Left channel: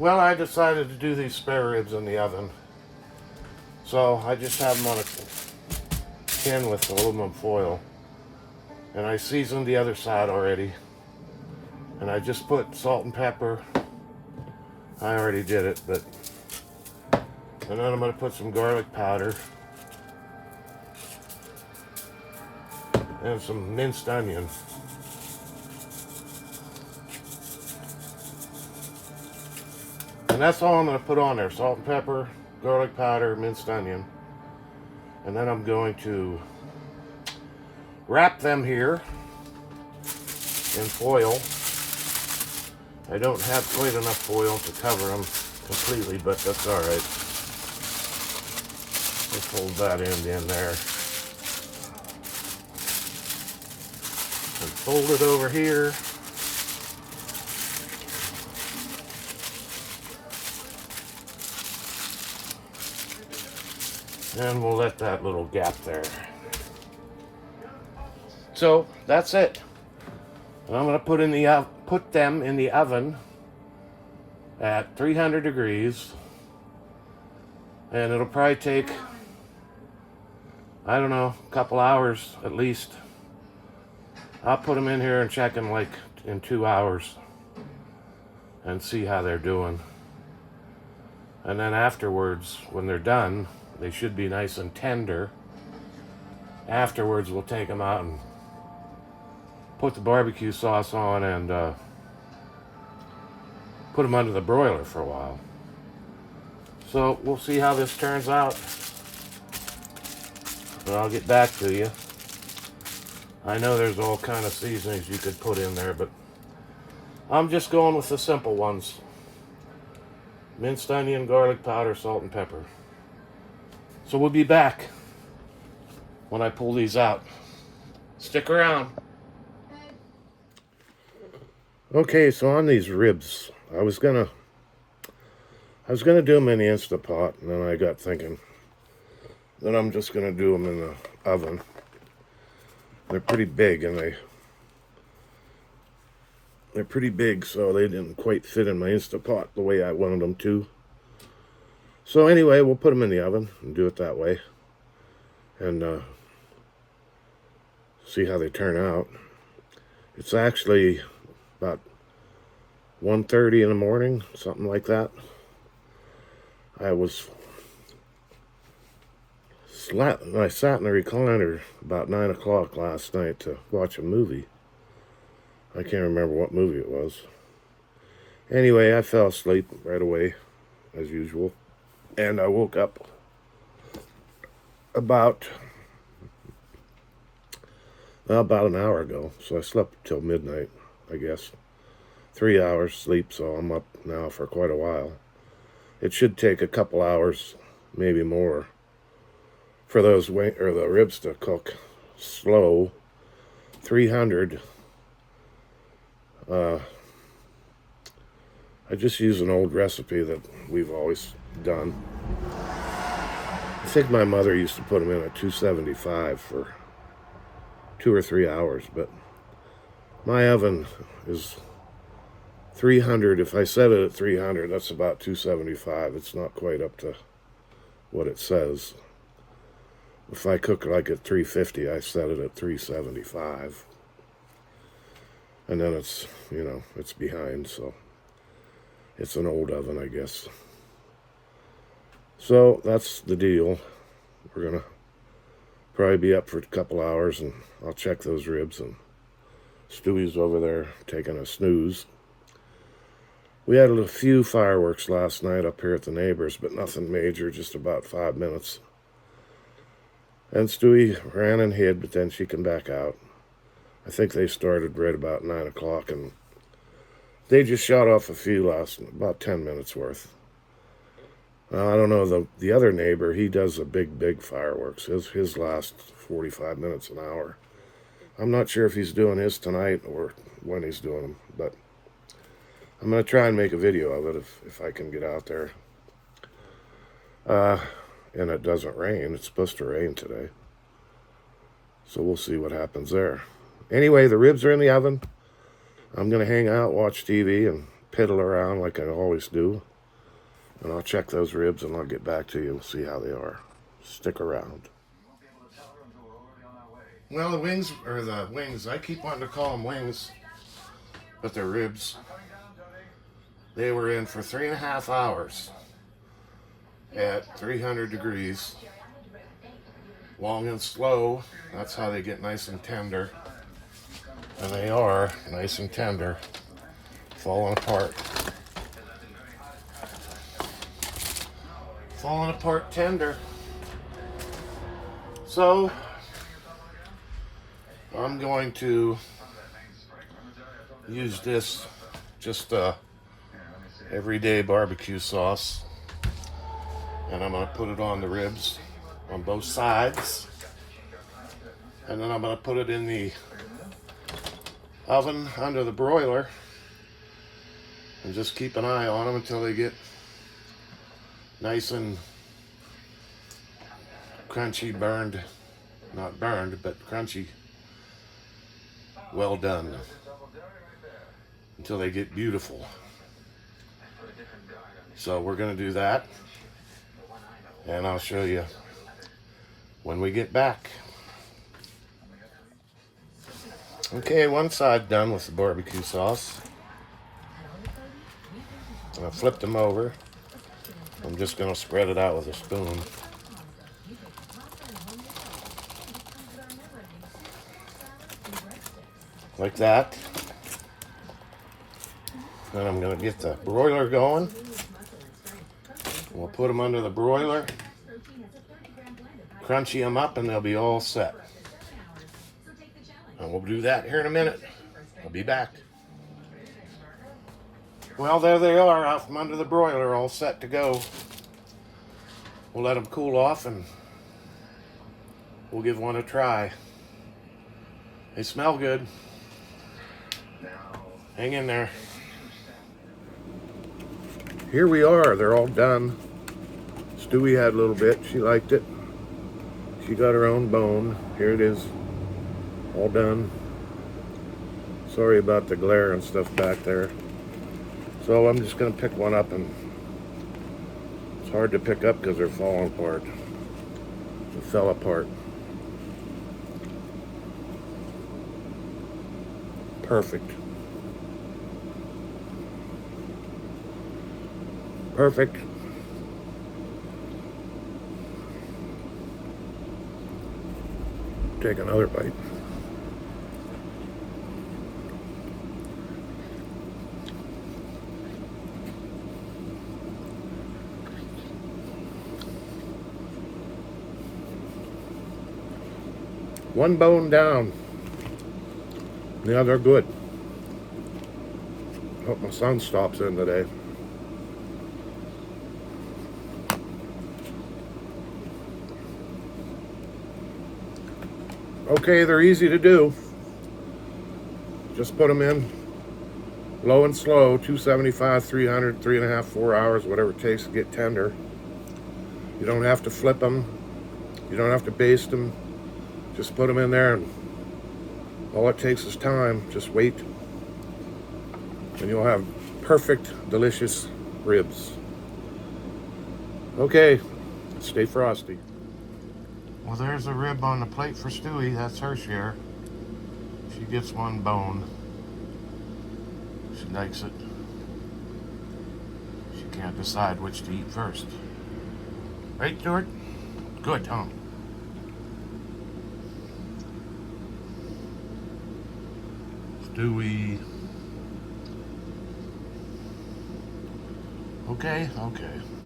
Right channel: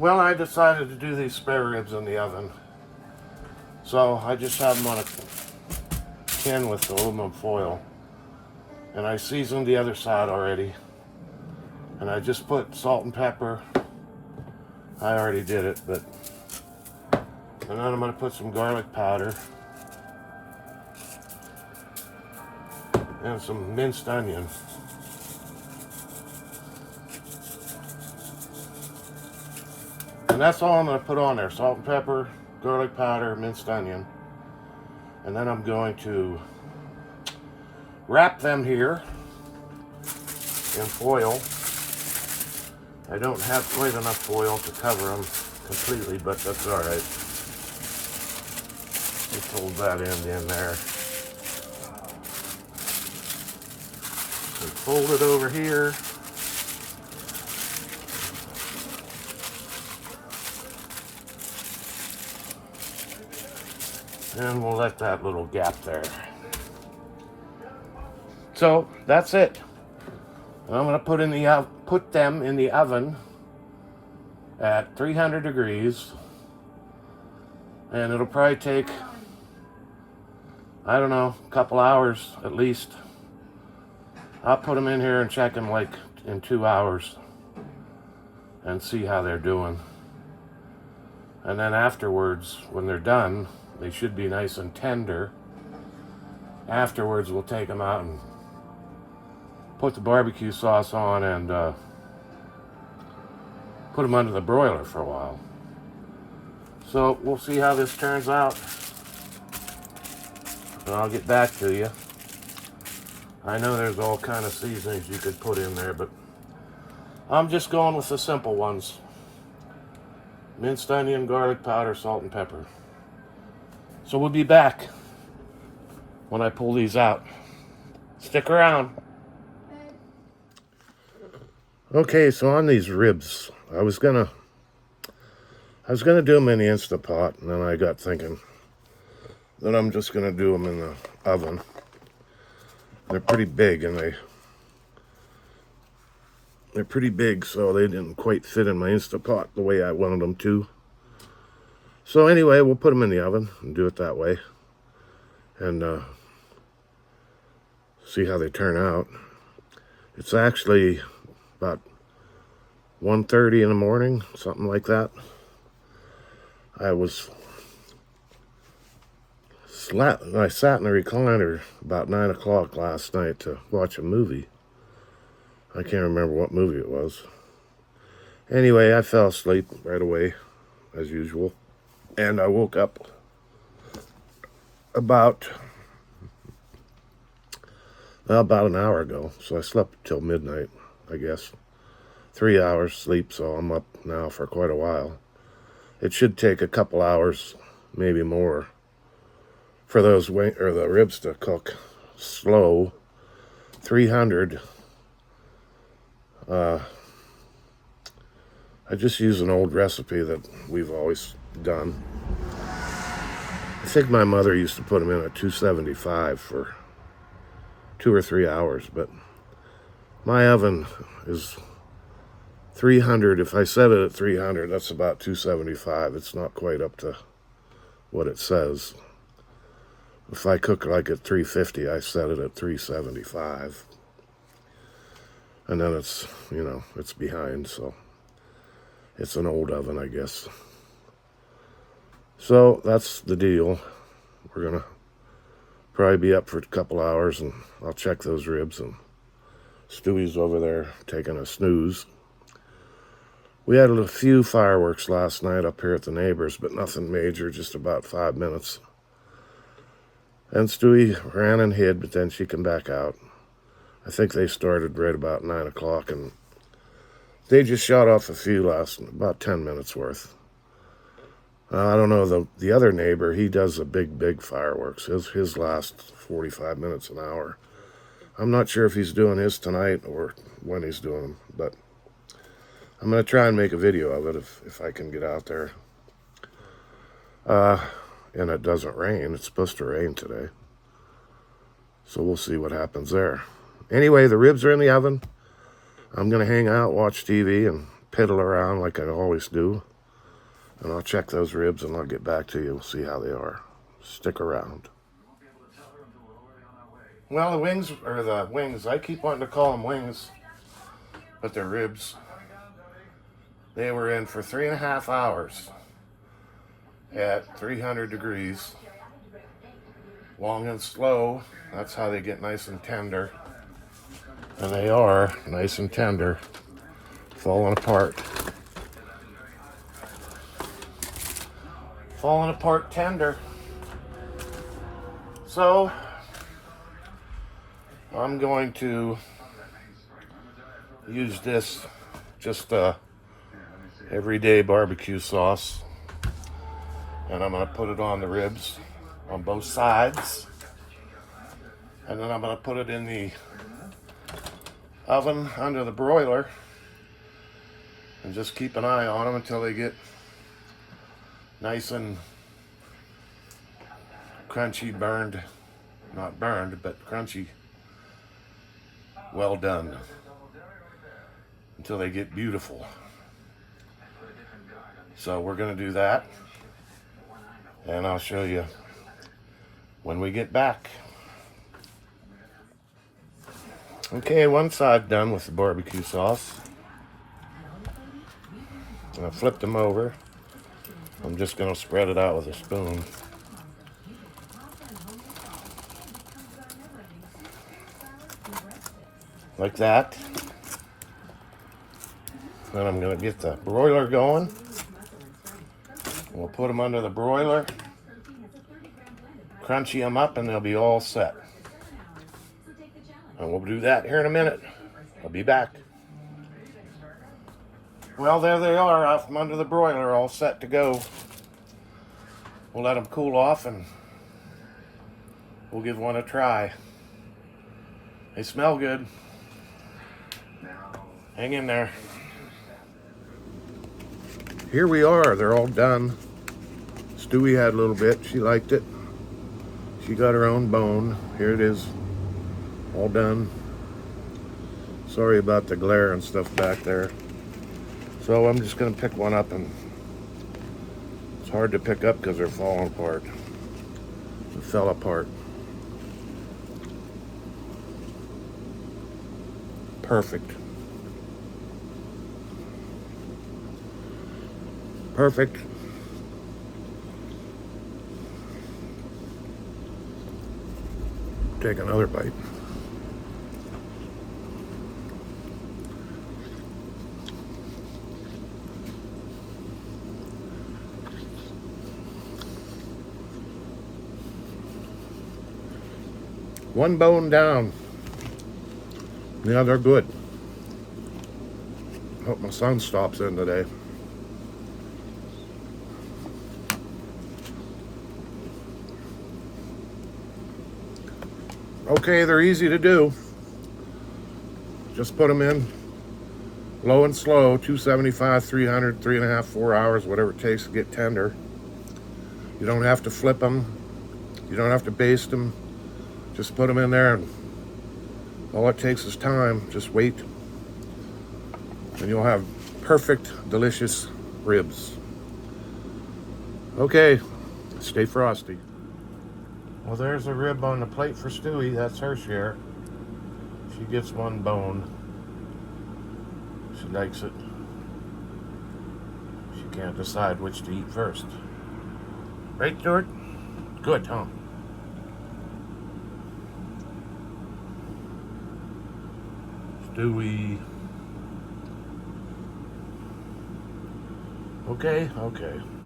Well, I decided to do these spare ribs in the oven. So I just had them on a tin with aluminum foil. And I seasoned the other side already. And I just put salt and pepper. I already did it, but... And then I'm going to put some garlic powder. And some minced onion. And that's all I'm going to put on there. Salt and pepper, garlic powder, minced onion. And then I'm going to wrap them here in foil. I don't have quite enough foil to cover them completely, but that's all right. Just hold that end in there. And fold it over here. And we'll let that little gap there. So that's it. I'm going to put them in the oven at 300 degrees. And it'll probably take, I don't know, a couple hours at least. I'll put them in here and check them like in 2 hours and see how they're doing. And then afterwards, when they're done, they should be nice and tender. Afterwards, we'll take them out and put the barbecue sauce on and put them under the broiler for a while. So we'll see how this turns out. And I'll get back to you. I know there's all kind of seasonings you could put in there, but I'm just going with the simple ones. Minced onion, garlic powder, salt and pepper. So we'll be back when I pull these out. Stick around. Okay, so on these ribs, I was gonna do them in the Instant Pot, and then I got thinking that I'm just gonna do them in the oven. They're pretty big, and they're pretty big, so they didn't quite fit in my Instant Pot the way I wanted them to. So anyway, we'll put them in the oven and do it that way, and see how they turn out. It's actually about 1:30 in the morning, something like that. I sat in the recliner about 9 o'clock last night to watch a movie. I can't remember what movie it was. Anyway, I fell asleep right away, as usual. And I woke up about an hour ago. So I slept till midnight, I guess. 3 hours sleep, so I'm up now for quite a while. It should take a couple hours, maybe more, for the ribs to cook slow. 300. I just use an old recipe that we've always done. I think my mother used to put them in at 275 for 2 or 3 hours, but my oven is 300. If I set it at 300, that's about 275. It's not quite up to what it says. If I cook like at 350, I set it at 375. And then it's, it's behind, so it's an old oven, I guess. So that's the deal. We're gonna probably be up for a couple hours, and I'll check those ribs, and Stewie's over there taking a snooze. We had a few fireworks last night up here at the neighbors, but nothing major, just about 5 minutes. And Stewie ran and hid, but then she came back out. I think they started right about 9 o'clock, and they just shot off a few about 10 minutes worth. I don't know, the other neighbor, he does the big fireworks. His last 45 minutes, an hour. I'm not sure if he's doing his tonight or when he's doing them, but I'm going to try and make a video of it if I can get out there. And it doesn't rain. It's supposed to rain today. So we'll see what happens there. Anyway, the ribs are in the oven. I'm going to hang out, watch TV, and piddle around like I always do. And I'll check those ribs and I'll get back to you, see how they are. Stick around. Well, the wings, I keep wanting to call them wings, but they're ribs. They were in for 3.5 hours at 300 degrees. Long and slow, that's how they get nice and tender. And they are nice and tender, falling apart. Falling apart tender. So, I'm going to use this just everyday barbecue sauce, and I'm going to put it on the ribs on both sides, and then I'm going to put it in the oven under the broiler and just keep an eye on them until they get nice and crunchy, not burned, but crunchy, well done, until they get beautiful. So we're going to do that, and I'll show you when we get back. Okay, one side done with the barbecue sauce. And I flipped them over. I'm just going to spread it out with a spoon. Like that. Then I'm going to get the broiler going. We'll put them under the broiler, crunchy them up, and they'll be all set. And we'll do that here in a minute. I'll be back. Well, there they are out from under the broiler, all set to go. We'll let them cool off and we'll give one a try. They smell good. Hang in there. Here we are, they're all done. Stewie had a little bit, she liked it. She got her own bone. Here it is, all done. Sorry about the glare and stuff back there. So I'm just gonna pick one up, and it's hard to pick up because they're falling apart. It fell apart. Perfect. Perfect. Take another bite. One bone down. Yeah, they're good. Hope my son stops in today. Okay, they're easy to do. Just put them in low and slow, 275, 300, 3.5, 4 hours, whatever it takes to get tender. You don't have to flip them. You don't have to baste them. Just put them in there, and all it takes is time. Just wait, and you'll have perfect, delicious ribs. Okay, stay frosty. Well, there's a rib on the plate for Stewie. That's her share. She gets one bone. She likes it. She can't decide which to eat first. Right, Stuart? Good, huh? Stewie. Okay, okay.